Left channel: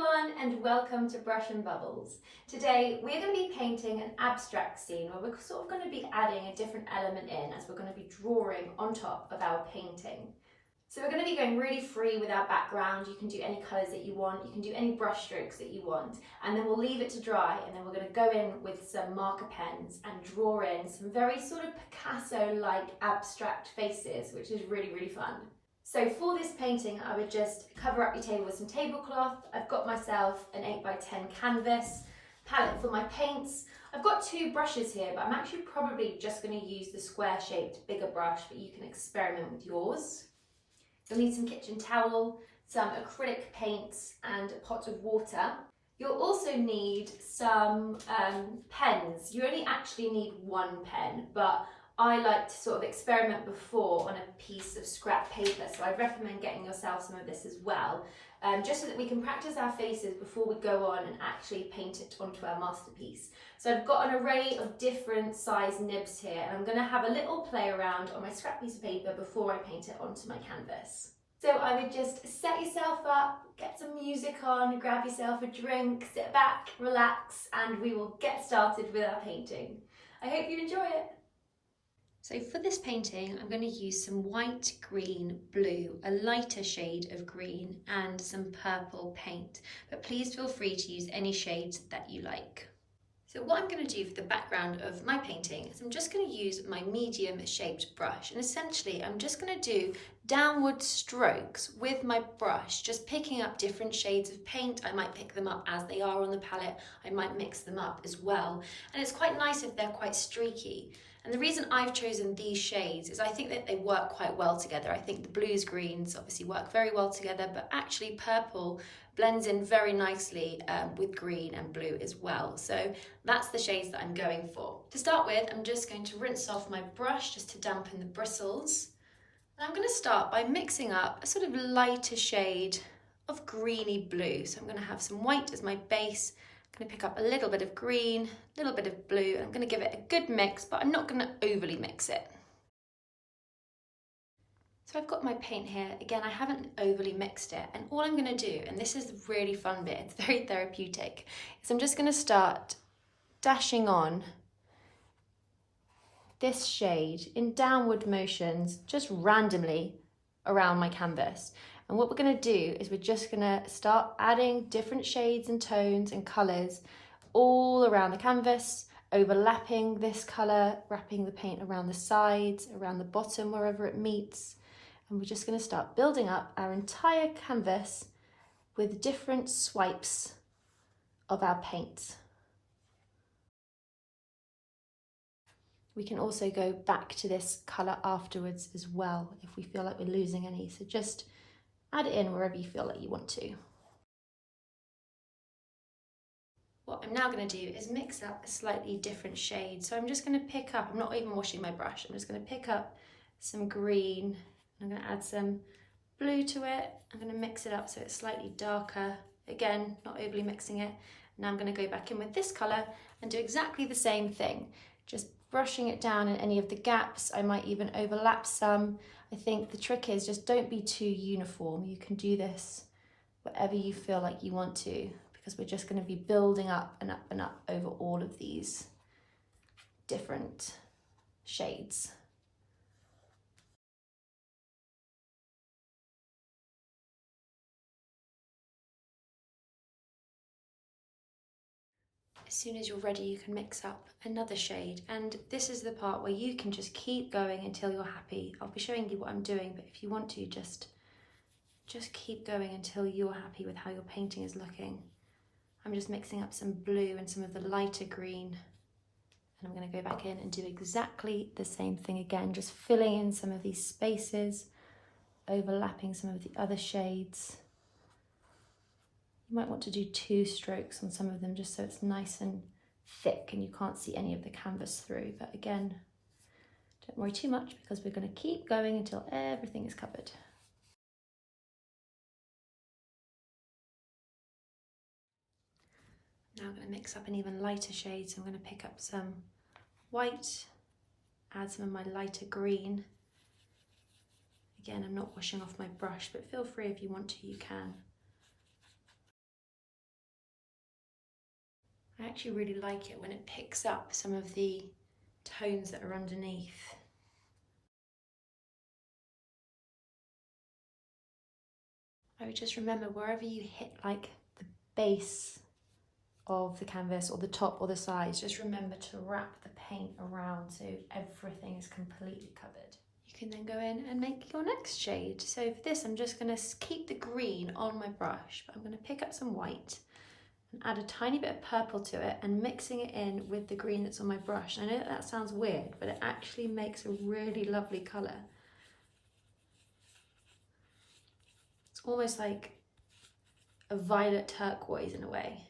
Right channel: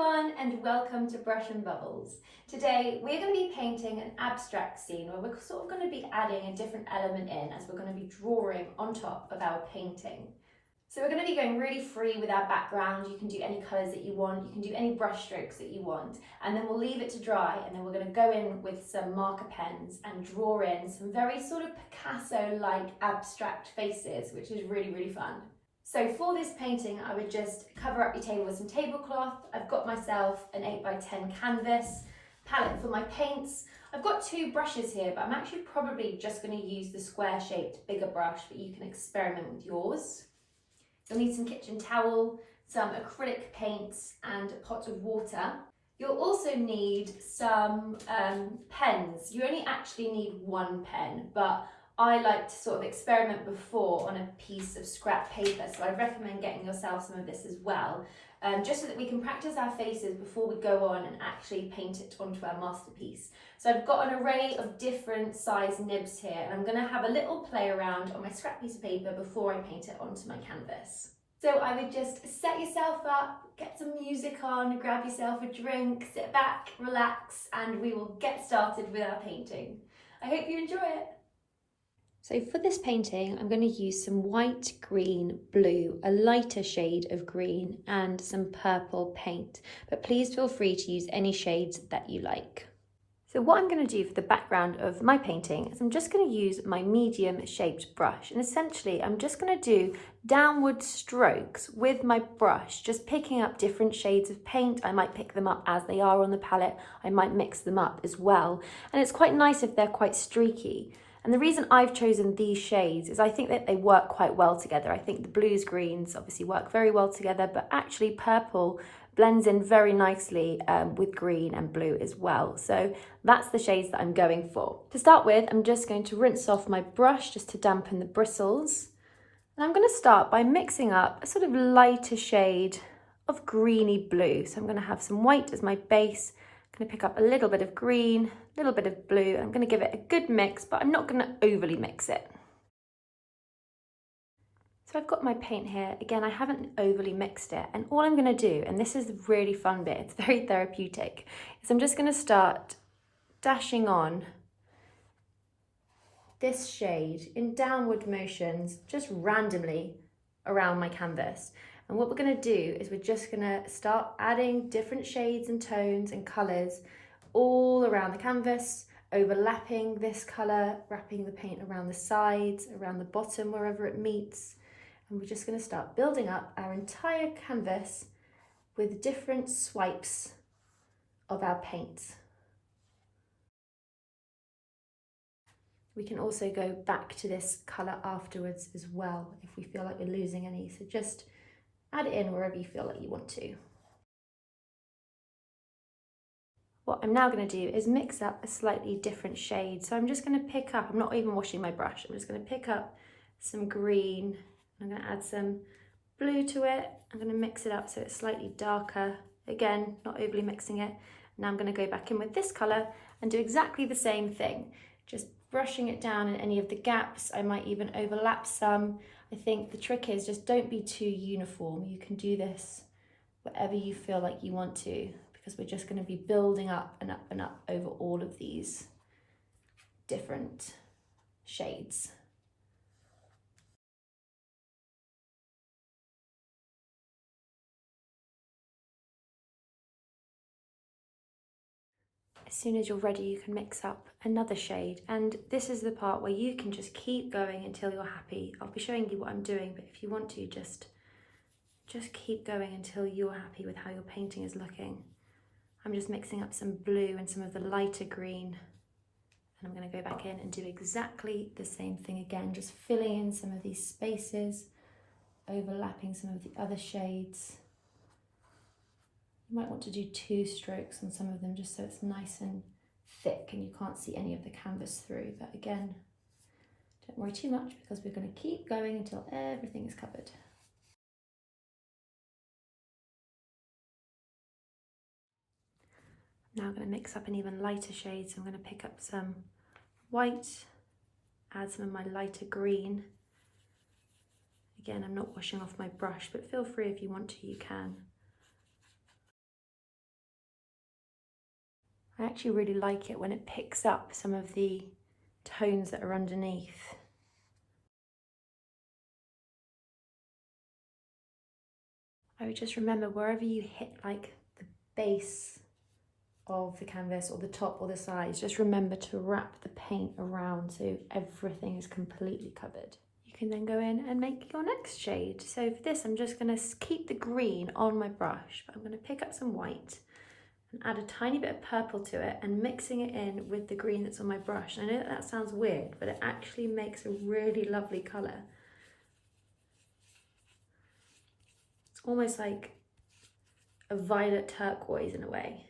everyone and welcome to Brush and Bubbles. Today we're going to be painting an abstract scene where we're sort of going to be adding a different element in as we're going to be drawing on top of our painting. So we're going to be going really free with our background. You can do any colours that you want, you can do any brush strokes that you want, and then we'll leave it to dry, and then we're going to go in with some marker pens and draw in some very sort of Picasso-like abstract faces, which is really fun. So for this painting, I would just cover up your table with some tablecloth. I've got myself an 8x10 canvas, palette for my paints. I've got two brushes here, but I'm actually probably just going to use the square-shaped bigger brush, but you can experiment with yours. You'll need some kitchen towel, some acrylic paints, and a pot of water. You'll also need some pens. You only actually need one pen, but I like to sort of experiment before on a piece of scrap paper, so I'd recommend getting yourself some of this as well, just so that we can practice our faces before we go on and actually paint it onto our masterpiece. So I've got an array of different size nibs here, and I'm going to have a little play around on my scrap piece of paper before I paint it onto my canvas. So I would just set yourself up, get some music on, grab yourself a drink, sit back, relax, and we will get started with our painting. I hope you enjoy it. So for this painting, I'm going to use some white, green, blue, a lighter shade of green, and some purple paint. But please feel free to use any shades that you like. So what I'm going to do for the background of my painting is I'm just going to use my medium shaped brush, and essentially I'm just going to do downward strokes with my brush, just picking up different shades of paint. I might pick them up as they are on the palette, I might mix them up as well, and it's quite nice if they're quite streaky. And the reason I've chosen these shades is I think that they work quite well together. I think the blues, greens obviously work very well together, but actually purple blends in very nicely with green and blue as well. So that's the shades that I'm going for. To start with, I'm just going to rinse off my brush just to dampen the bristles. And I'm going to start by mixing up a sort of lighter shade of greeny blue. So I'm going to have some white as my base. I'm going to pick up a little bit of green, a little bit of blue, and I'm going to give it a good mix, but I'm not going to overly mix it. So I've got my paint here. Again, I haven't overly mixed it, and all I'm going to do, and this is the really fun bit, it's very therapeutic, is I'm just going to start dashing on this shade in downward motions, just randomly around my canvas. And what we're going to do is we're just going to start adding different shades and tones and colours all around the canvas, overlapping this colour, wrapping the paint around the sides, around the bottom, wherever it meets. And we're just going to start building up our entire canvas with different swipes of our paint. We can also go back to this colour afterwards as well if we feel like we're losing any. So just add it in wherever you feel like you want to. What I'm now going to do is mix up a slightly different shade. So I'm just going to pick up, I'm not even washing my brush, I'm just going to pick up some green. I'm going to add some blue to it. I'm going to mix it up so it's slightly darker. Again, not overly mixing it. Now I'm going to go back in with this colour and do exactly the same thing. Just brushing it down in any of the gaps. I might even overlap some. I think the trick is just don't be too uniform. You can do this whatever you feel like you want to, because we're just going to be building up and up and up over all of these different shades. As soon as you're ready, you can mix up another shade, and this is the part where you can just keep going until you're happy. I'll be showing you what I'm doing, but if you want to, just keep going until you're happy with how your painting is looking. I'm just mixing up some blue and some of the lighter green, and I'm going to go back in and do exactly the same thing again, just filling in some of these spaces, overlapping some of the other shades. You might want to do 2 strokes on some of them just so it's nice and thick and you can't see any of the canvas through. But again, don't worry too much because we're going to keep going until everything is covered. Now I'm going to mix up an even lighter shade, so I'm going to pick up some white, add some of my lighter green. Again, I'm not washing off my brush, but feel free if you want to, you can. I actually really like it when it picks up some of the tones that are underneath. I would just remember wherever you hit like the base of the canvas or the top or the sides, just remember to wrap the paint around so everything is completely covered. You can then go in and make your next shade. So for this, I'm just going to keep the green on my brush, but I'm going to pick up some white and add a tiny bit of purple to it and mixing it in with the green that's on my brush. I know that sounds weird, but it actually makes a really lovely colour. It's almost like a violet turquoise in a way.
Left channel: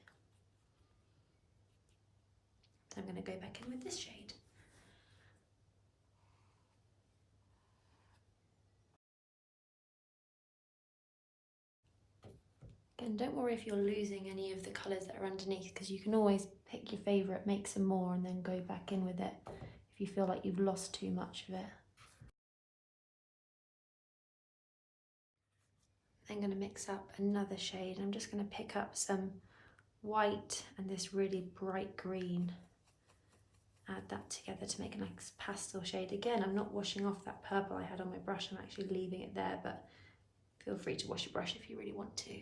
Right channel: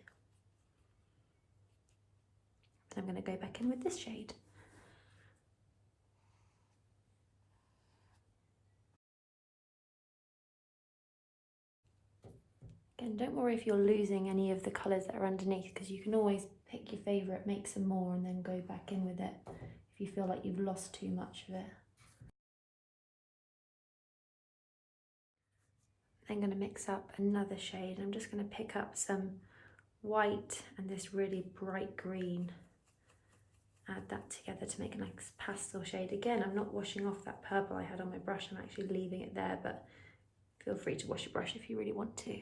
So I'm going to go back in with this shade. Again, don't worry if you're losing any of the colours that are underneath, because you can always pick your favourite, make some more and then go back in with it if you feel like you've lost too much of it. I'm going to mix up another shade. I'm just going to pick up some white and this really bright green. Add that together to make a nice pastel shade. Again, I'm not washing off that purple I had on my brush, I'm actually leaving it there, but feel free to wash your brush if you really want to.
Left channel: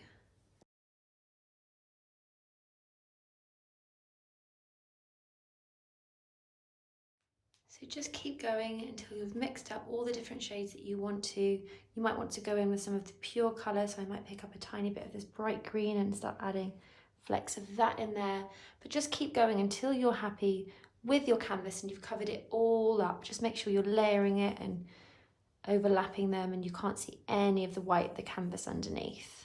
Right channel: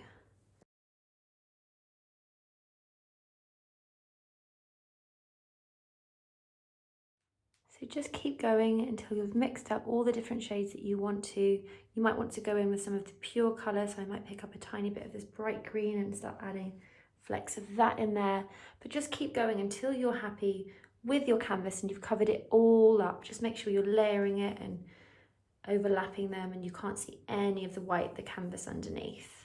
So just keep going until you've mixed up all the different shades that you want to. You might want to go in with some of the pure colour, so I might pick up a tiny bit of this bright green and start adding flecks of that in there. But just keep going until you're happy with your canvas and you've covered it all up. Just make sure you're layering it and overlapping them and you can't see any of the white, the canvas underneath.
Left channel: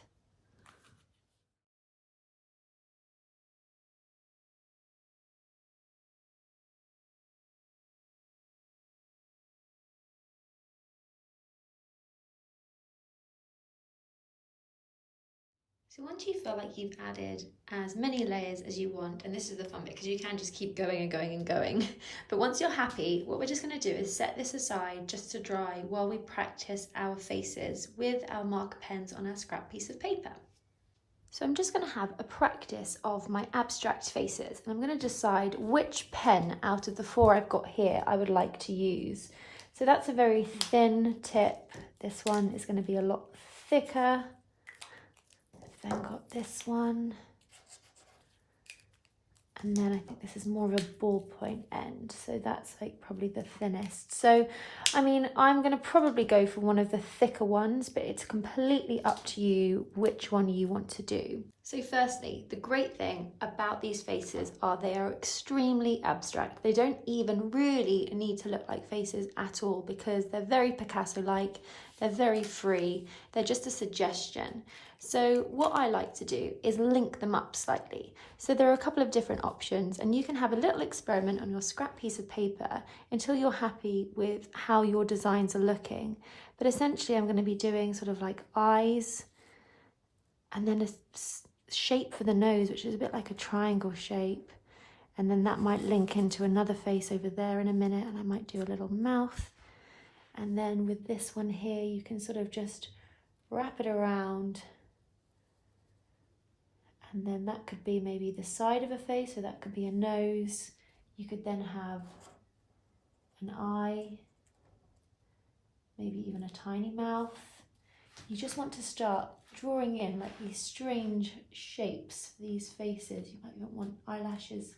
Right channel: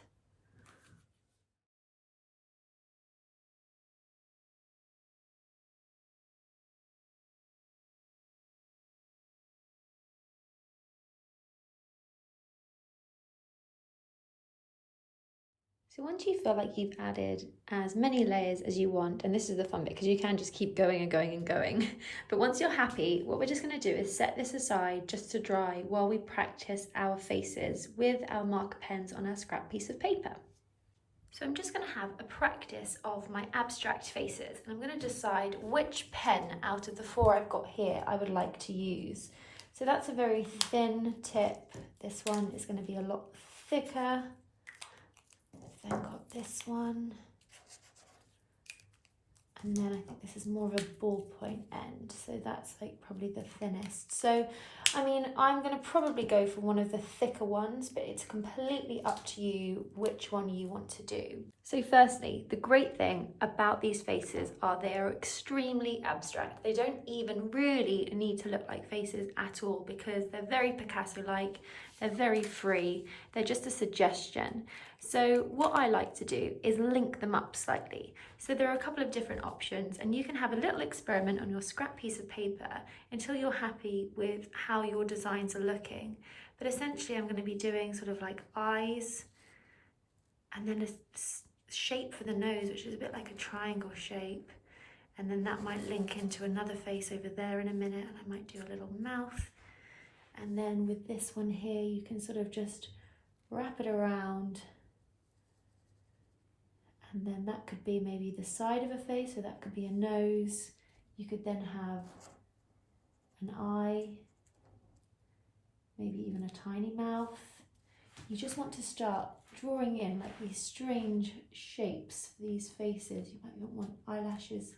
So once you feel like you've added as many layers as you want, and this is the fun bit because you can just keep going and going and going, but once you're happy, what we're just going to do is set this aside just to dry while we practice our faces with our marker pens on our scrap piece of paper. So I'm just going to have a practice of my abstract faces, and I'm going to decide which pen out of the four I've got here I would like to use. So that's a very thin tip. This one is going to be a lot thicker. Then got this one, and then I think this is more of a ballpoint end, so that's like probably the thinnest. So I mean, I'm going to probably go for one of the thicker ones, but it's completely up to you which one you want to do. So firstly, the great thing about these faces are they are extremely abstract. They don't even really need to look like faces at all because they're very Picasso-like, they're very free, they're just a suggestion. So what I like to do is link them up slightly. So there are a couple of different options and you can have a little experiment on your scrap piece of paper until you're happy with how your designs are looking. But essentially I'm going to be doing sort of like eyes and then a shape for the nose, which is a bit like a triangle shape. And then that might link into another face over there in a minute, and I might do a little mouth. And then with this one here, you can sort of just wrap it around. And then that could be maybe the side of a face, so that could be a nose. You could then have an eye, maybe even a tiny mouth. You just want to start drawing in like these strange shapes for these faces. You might want eyelashes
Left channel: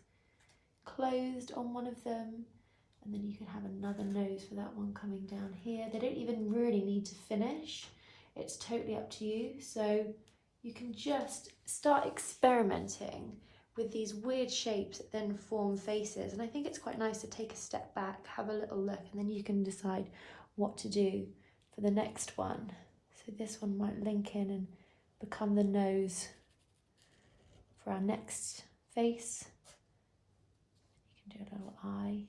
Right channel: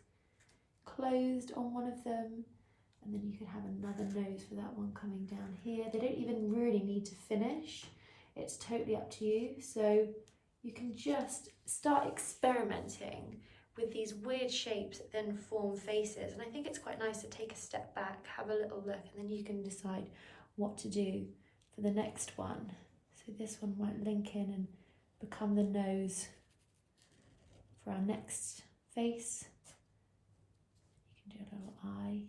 closed on one of them, and then you could have another nose for that one coming down here. They don't even really need to finish. It's totally up to you. So you can just start experimenting with these weird shapes that then form faces. And I think it's quite nice to take a step back, have a little look, and then you can decide what to do for the next one. So this one might link in and become the nose for our next face. You can do a little eye.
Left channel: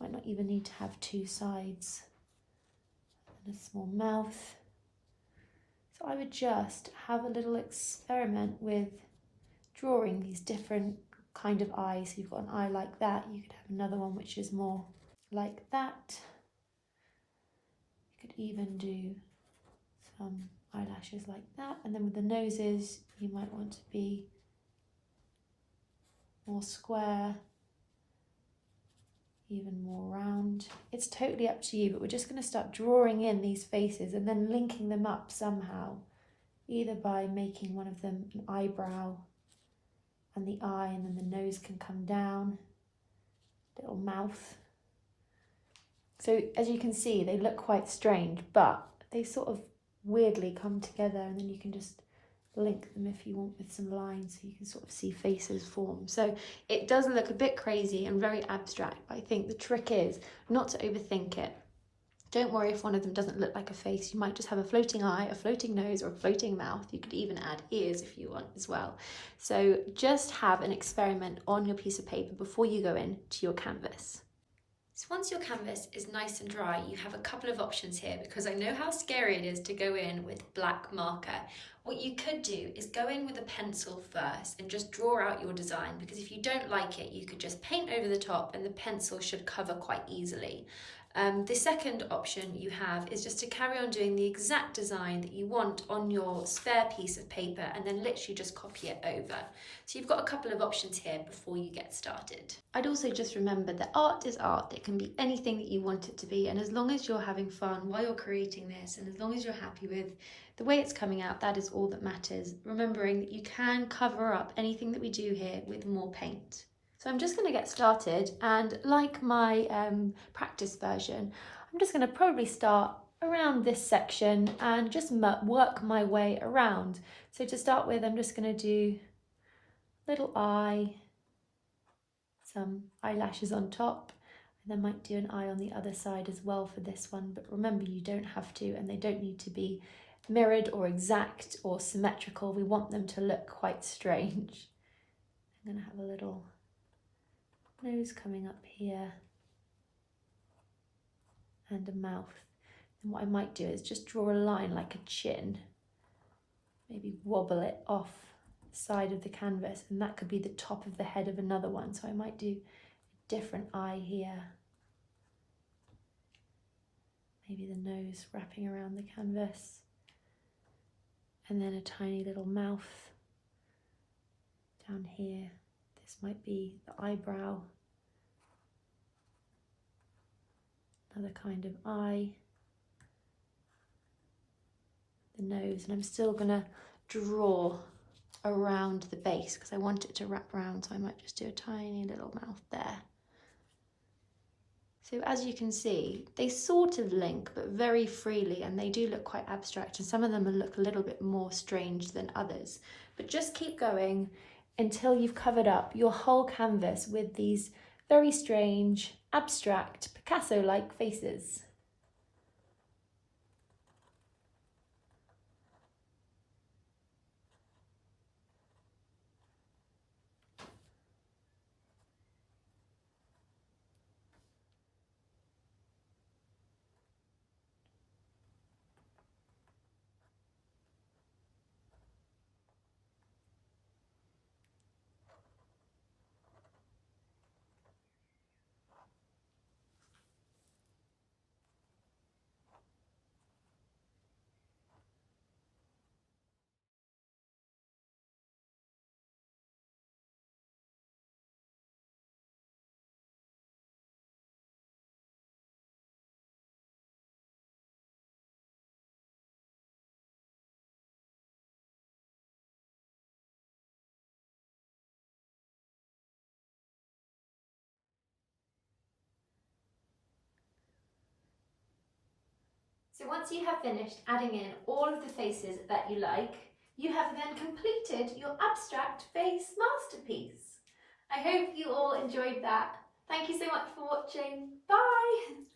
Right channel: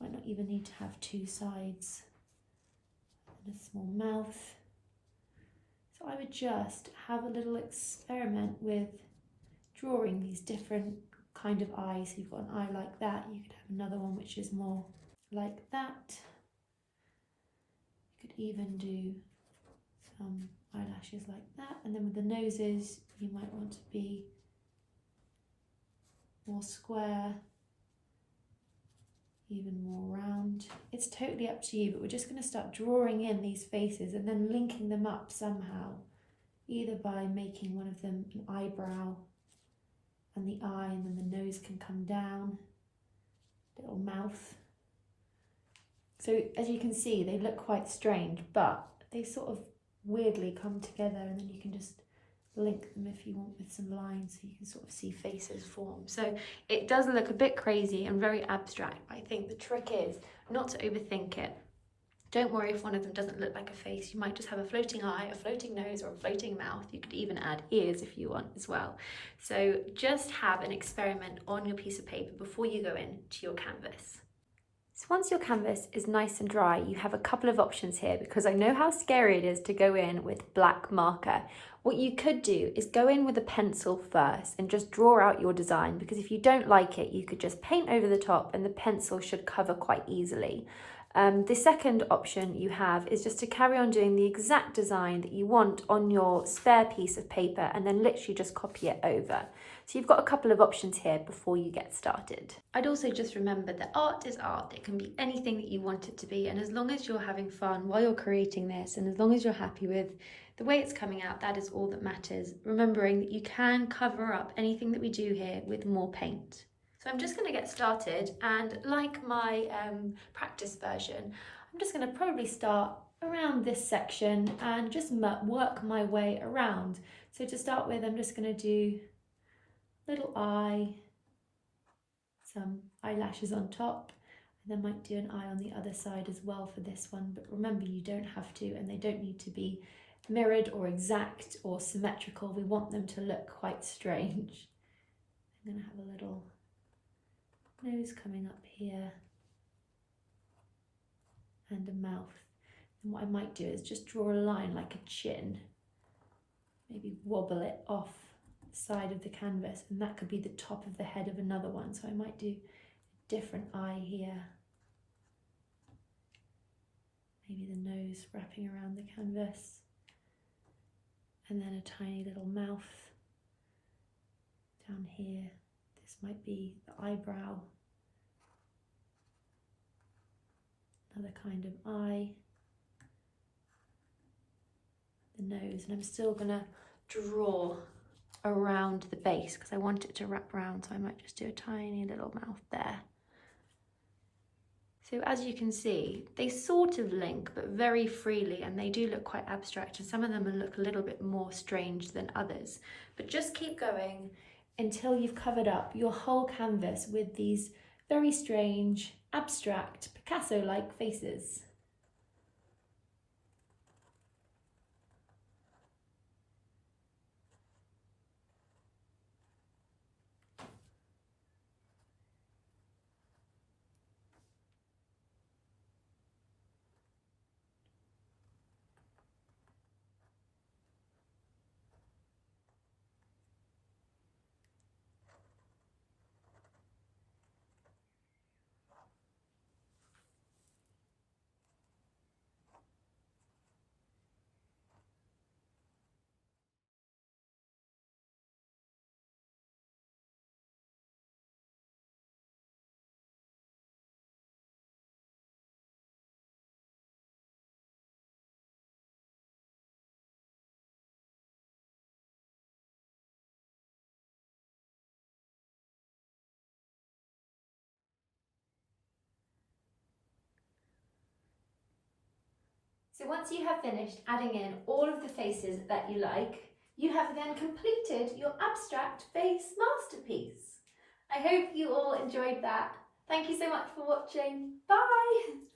Might not even need to have two sides. And a small mouth. So I would just have a little experiment with drawing these different kind of eyes. So you've got an eye like that. You could have another one which is more like that. You could even do some eyelashes like that, and then with the noses you might want to be more square, even more round. It's totally up to you, but we're just going to start drawing in these faces and then linking them up somehow, either by making one of them an eyebrow and the eye, and then the nose can come down, little mouth. So as you can see, they look quite strange, but they sort of weirdly come together, and then you can just link them if you want with some lines, so you can sort of see faces form. So it does look a bit crazy and very abstract, but I think the trick is not to overthink it. Don't worry if one of them doesn't look like a face. You might just have a floating eye, a floating nose, or a floating mouth. You could even add ears if you want as well. So just have an experiment on your piece of paper before you go into your canvas. So once your canvas is nice and dry, you have a couple of options here, because I know how scary it is to go in with black marker. What you could do is go in with a pencil first and just draw out your design, because if you don't like it, you could just paint over the top and the pencil should cover quite easily. The second option you have is just to carry on doing the exact design that you want on your spare piece of paper and then literally just copy it over. So you've got a couple of options here before you get started. I'd also just remember that art is art. It can be anything that you want it to be, and as long as you're having fun while you're creating this, and as long as you're happy with the way it's coming out, that is all that matters. Remembering that you can cover up anything that we do here with more paint. So I'm just going to get started, and like my practice version, I'm just going to probably start around this section and just work my way around. So to start with, I'm just going to do little eye, some eyelashes on top, and then might do an eye on the other side as well for this one. But remember, you don't have to, and they don't need to be mirrored or exact or symmetrical. We want them to look quite strange. I'm going to have a little nose coming up here and a mouth. And what I might do is just draw a line like a chin, maybe wobble it off the side of the canvas, and that could be the top of the head of another one. So I might do a different eye here, maybe the nose wrapping around the canvas, and then a tiny little mouth down here. This might be the eyebrow, another kind of eye, the nose, and I'm still gonna draw around the base because I want it to wrap around, so I might just do a tiny little mouth there. So as you can see, they sort of link, but very freely, and they do look quite abstract, and some of them look a little bit more strange than others. But just keep going until you've covered up your whole canvas with these very strange, abstract, Picasso-like faces. So once you have finished adding in all of the faces that you like, you have then completed your abstract face masterpiece. I hope you all enjoyed that. Thank you so much for watching. Bye!